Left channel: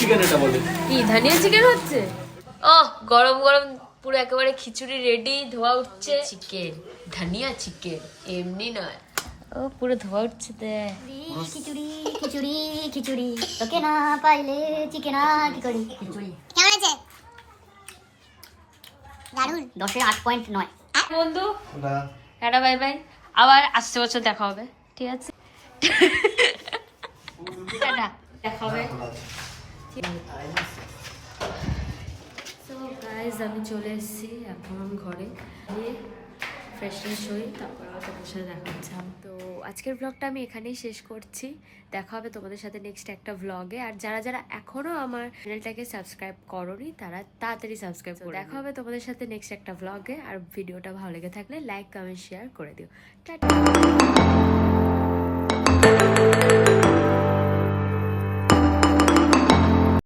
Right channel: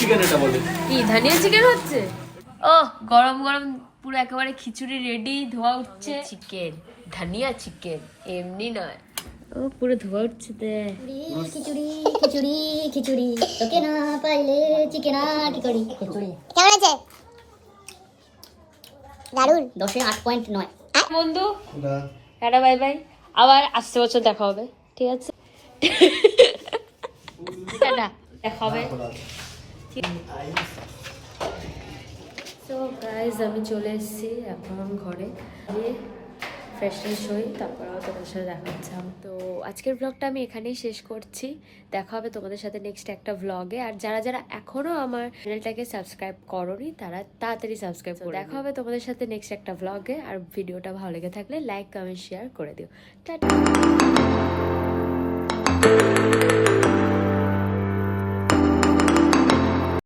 Chicken এটা বলে কি ধানিয়া চিকেন হচ্ছে? ও গরম গরম পুরো একেবারে খিচুড়ি রেডি, ধোয়া উঠছে। চিকেন, ধানিয়া চিকেন, এমনি নয়। ও পুরো ধোয়া উঠছে। খিচুড়ি খিচুড়ি খিচুড়ি তোকে না পাইলে চিকেন কি করি খিচুড়ি। কেমন আছে? দারুন। 10-এ 8.9। বন্ধু টাটা বাই বাই, আবার আসছে বছর দেখা হবে, ঠিক আছে? টাটা, দেখা হবে। তো গাইজ আমি চলে এসেছি এখন ঘরে, গিয়ে ফ্রেশ ফ্রেশ হই, তারপর আবার তোমাদের সাথে দেখা হচ্ছে। তো আজকের ব্লগটা আমি এখানেই শেষ করছি। দেখা হবে তোমাদের সাথে নেক্সট একটা ব্লগে। আর যারা যারা এখনও আমার চ্যানেলটাকে সাবস্ক্রাইব করোনি তারা তাড়াতাড়ি সাবস্ক্রাইব করো। দেখা হবে তোমাদের সাথে নেক্সট একটা ব্লগে। আর ভিডিওটা ভালো লেগে থাকলে লাইক কমেন্ট শেয়ার করে দিও। টাটা।